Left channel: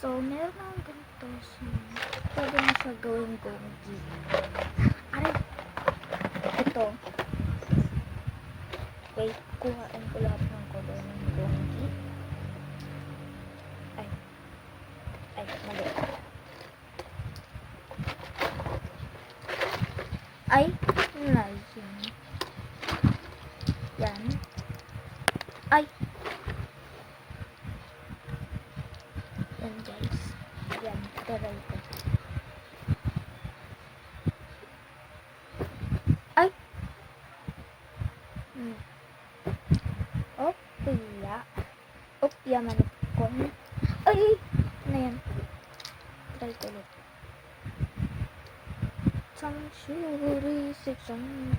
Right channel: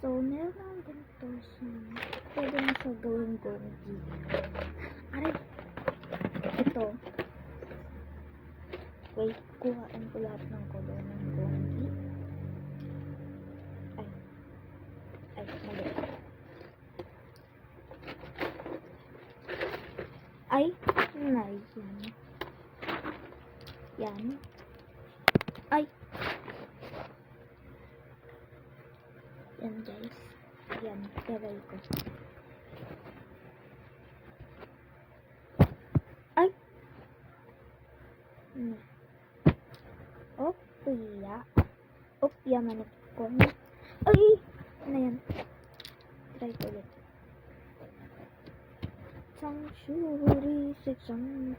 So, meron akong ganito. So, pwede na siya gawing gonggi. Aray! Ito. Wait, kuhaan ko lahat ng color ng gonggi. Ay, mali. Ay, yan. Yan. Ay! Yan guys. Yan, taray ko. Ay! Opya manok ko. Ay! Ano yan? Try ko ulit. Sanctuary section.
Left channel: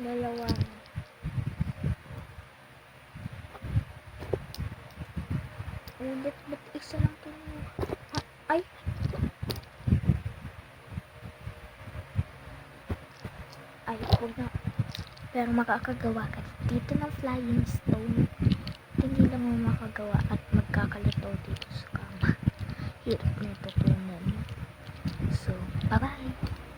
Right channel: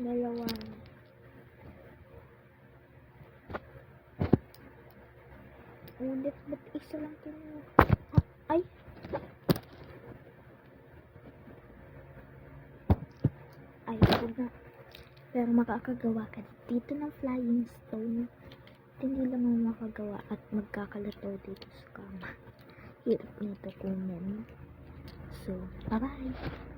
Dalawa na. Ulit, ba't isa lang ito? Ay! Ay, huwag na. Pero makakagawa ka dito ng flying stone. Hindi lang mo makagawa at magkakalitaw dito sa kama. Hirap nito tunan. So, bye-bye!